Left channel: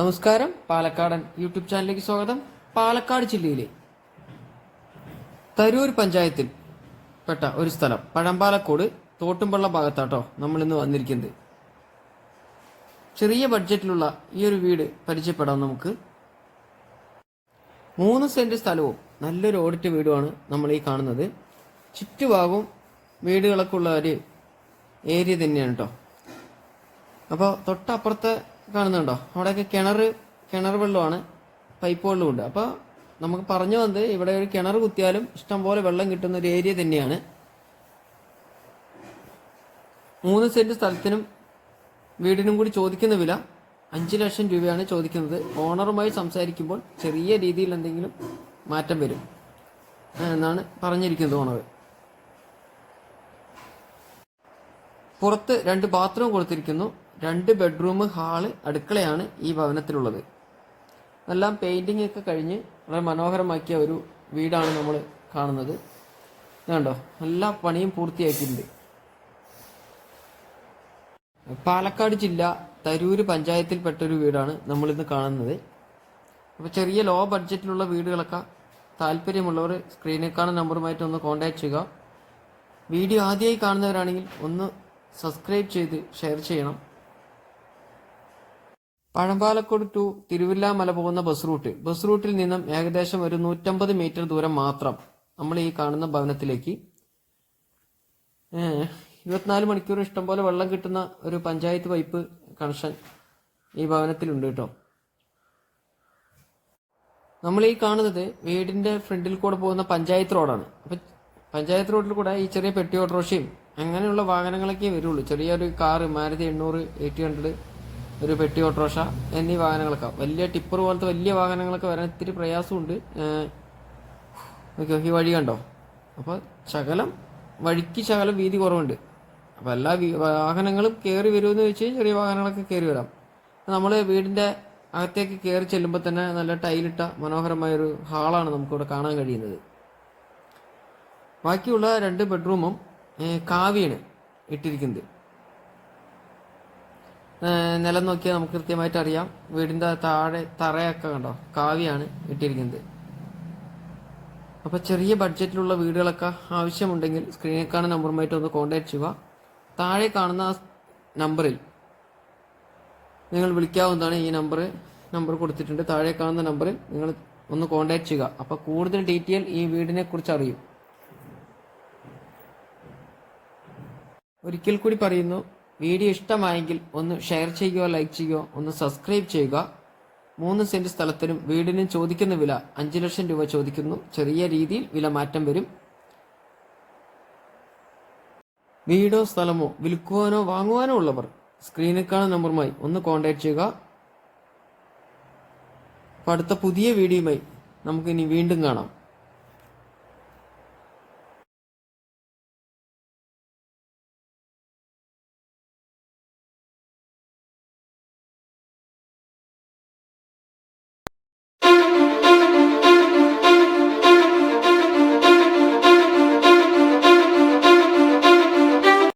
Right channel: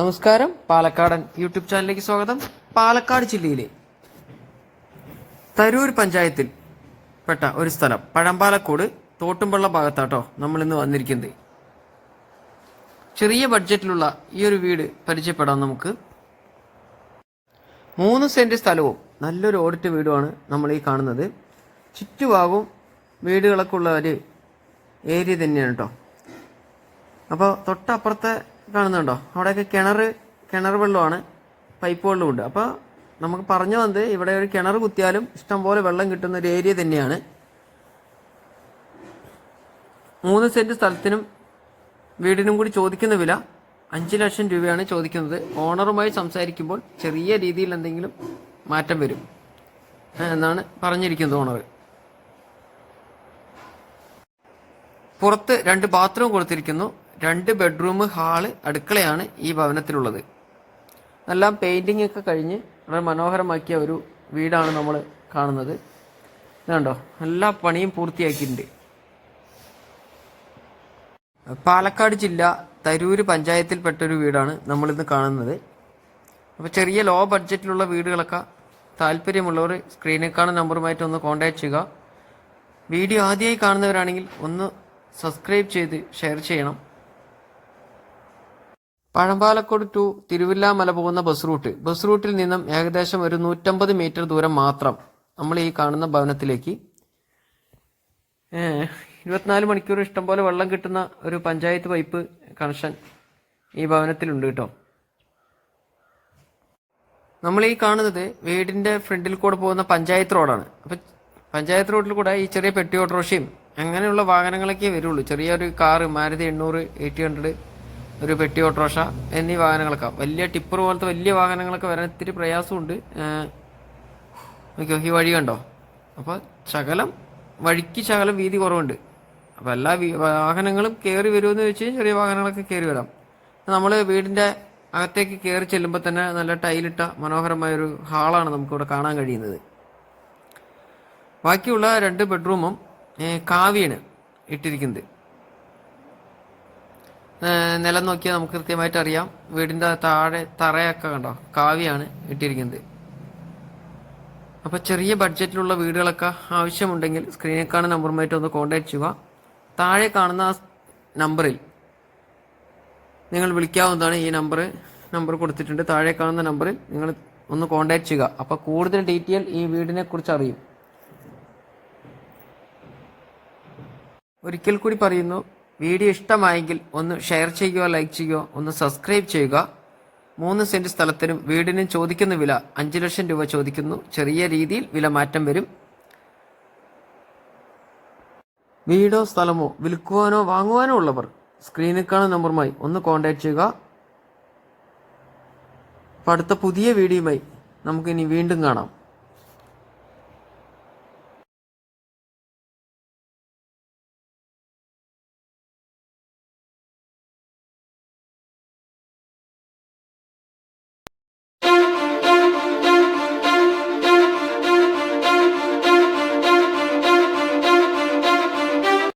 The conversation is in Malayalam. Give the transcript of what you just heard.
നമസ്കാരം, പാലക്കാടൻ യൂട്യൂബ് ചാനലിലേക്ക് സ്വാഗതം. പാലക്കാട് ജില്ലയിലെ തരൂർ പഞ്ചായത്തിൽ പെട്ട ഒരു സ്ഥലം പഴമ്പാലക്കോട് തോട്ടുംപള്ള ഭാഗത്താട്ടോ നമ്മൾ ഇന്ന് വന്നിരിക്കുന്നത്. ചെറിയ ബഡ്ജറ്റിലുള്ള ഈ ഒരു വീട് പരിചയപ്പെടാം നമുക്ക്. 3 സെന്റ് സ്ഥലവും നല്ലൊരു ഓടിട്ട വീടുമാണ് നമ്മൾ ഈ കാണുന്നത്. ചുറ്റുഭാഗവും വീടുകളൊക്കെ ഉള്ള ഒരു ഏരിയ തന്നെയാണ് കേട്ടോ. അപ്പോൾ തൊട്ടപ്പുറത്തെ കാണുന്നുണ്ടോ, അവിടെയൊക്കെ കിണർ വെള്ളമാണ്, പൈപ്പ് വെള്ളമുണ്ട്. അപ്പോൾ നമുക്ക് പറഞ്ഞു വന്നത് ഇവിടെ ഒരു കിണർ കുത്തിയാലും ഇഷ്ടംപോലെ വെള്ളം കിട്ടുന്ന ഒരു ഏരിയ തന്നെയാണ്. 3 സെന്റ് സ്ഥലത്തിനും വീടിനും കൂടി ചോദിക്കുന്ന വില 5 ലക്ഷം രൂപയാണ് ചോദിക്കുന്നത്. ഓണറുമായി സംസാരിക്കുമ്പോൾ ചെറിയ രീതിയിൽ എന്തെങ്കിലും മാറ്റം വരും എന്നാണ് പറഞ്ഞിരിക്കുന്നത് ഓണർ. പുറത്ത് 2 ബാത്റൂം കൊടുത്തിരിക്കുന്നു. 2 ബെഡ്റൂം, ഹാള്, അടുക്കളയാണ് ഈ ഭവനത്തിലുള്ളത്. എല്ലാം പെയിന്റിംഗ് ഒക്കെ കഴിഞ്ഞ് വളരെ മനോഹരമാക്കിയ ഒരു വീടാണ് നമ്മൾ കാണുന്നത്. ഇതുണ്ടോ, എല്ലാ പണിയും പൂർത്തിയാക്കിയിട്ടുണ്ട്. പാലക്കാട് ജില്ല തരൂര് പഞ്ചായത്തിൽപ്പെട്ടൊരു വീടാണ് നമ്മളിന്ന് കാണുന്നത്. അപ്പോൾ ചെറിയ ലോ ബഡ്ജറ്റിലുള്ള വീടുകളൊക്കെ താല്പര്യമുള്ളവർ സ്ക്രീനിൽ കാണുന്ന നമ്പറുമായിട്ട് ഒന്ന് കോൺടാക്ട് ചെയ്യുക. വീഡിയോ ആദ്യമായി കാണുന്നവരാണെങ്കിൽ ഒന്ന് സബ്സ്ക്രൈബ് ചെയ്ത് ഷെയർ ചെയ്യണം. പഴമ്പാലക്കോട് ടു തിരുവില്ലാമല പോകുന്ന ബസ് റൂട്ടിൽ നിന്നും ഏകദേശം ഒരു 150 മീറ്റർ ദൂരം മാത്രം നമ്മൾ ഈ കാണുന്ന ഭവനത്തിലേക്ക് 24 മണിക്കൂർ ഇഷ്ടംപോലെ വെള്ളം കിട്ടുന്ന ഒരു പഞ്ചായത്ത് പൈപ്പ് കണക്ഷൻ ഈ ഭവനത്തിലുണ്ട് കേട്ടോ. നമ്മൾ ഈ കാണുന്നത് വീടിന്റെ ഫ്രണ്ടിൽ കൂടെ പോകുന്ന പഞ്ചായത്ത് റോഡാണ്. അപ്പം പഞ്ചായത്ത് റോഡിൽ കൂടെ ഈ ചെറിയ പെട്ടി ഓട്ടോറിക്ഷയും അങ്ങനെയുള്ള വാഹനങ്ങളൊക്കെ വരുള്ളൂ. ചെറിയൊരു കാറ്, മാരുതി 800, 800, ഒരു പെട്ടി ഓട്ടോറിക്ഷ എന്നീ വാഹനങ്ങളൊക്കെ, വലിയ ടിപ്പർ പോലത്തെ വലിയ വാഹനങ്ങളൊക്കെ വരാൻ ഇത്തിരി പ്രയാസമുണ്ട്. ഈ വഴി കണ്ടോ, അപ്പോൾ വഴിക്ക് ശകലം വീതി കുറവുണ്ട്. അപ്പോൾ എല്ലാ വാഹനങ്ങളും കയറി വരുമെന്ന് വെച്ച് ചെറിയ വാഹനങ്ങളൊക്കെ കയറി വരാം. നമ്മൾ വീടിൻ്റെ അകത്തേക്ക് കയറി ചെല്ലുമ്പോൾ തന്നെ നല്ല ടൈലിട്ട മനോഹരമായൊരു ഹാളാണ് നമുക്കിവിടെ കാണാൻ കഴിയുന്നത്. ബാക്കിയുള്ള 2 ബെഡ്റൂമും കാവിയാണ് ഇട്ടിരിക്കുന്നത്. നിലം നോക്കിയാൽ നമുക്ക് കൃത്യമായിട്ട് അറിയാം. വീടിൻ്റെ താഴെ തറയൊക്കെ കണ്ടോ, കാവിയാണ് ഇട്ടിരിക്കുന്നത്. അപ്പോൾ ചെറിയ ബഡ്ജറ്റിലുള്ള വീടുകളൊക്കെ ആവശ്യമുണ്ടെങ്കിൽ സ്ക്രീനിൽ കാണുന്ന നമ്പറുമായിട്ട് ഒന്ന് കോൺടാക്ട് ചെയ്യുക. താഴെ കാണുന്ന നമ്പറിൽ നിങ്ങൾ വിളിക്കാവുന്നതാണ്. ഈ നമ്പർ കൊടുത്തിട്ടുണ്ട്. താഴെ കാണുന്ന നമ്പറിൽ നിങ്ങൾ ഒന്ന് കോൺടാക്ട് ചെയ്യുക. അപ്പോൾ കൂടുതൽ ഡീറ്റെയിൽ ഈ വീടിനെ കുറിച്ച് അറിയും. ഒരിക്കൽ കൂടി പറയുന്നു, വീഡിയോ ഇഷ്ടമായെങ്കിൽ ഒന്ന് ഷെയർ ചെയ്യുക, ലൈക്ക് ചെയ്യുക, ഒന്ന് സബ്സ്ക്രൈബ് ചെയ്യുക. 3 സെന്റ് സ്ഥലത്തിനും വീടിനും ചോദിക്കുന്ന വില 5 ലക്ഷം രൂപ ചോദിക്കുന്നു. ചെറിയ രീതിയിൽ വില മാറ്റം വരും. വീടോ സ്ഥലമോ വിൽക്കുവാനോ വാങ്ങുവാനോ ഉള്ളവർ സ്ക്രീനിൽ കാണുന്ന നമ്പറുമായി ഒന്ന് കോൺടാക്ട് ചെയ്യുക. അടുത്ത പുതിയ വീഡിയോയുമായി നമുക്കിനി വീണ്ടും കാണാം.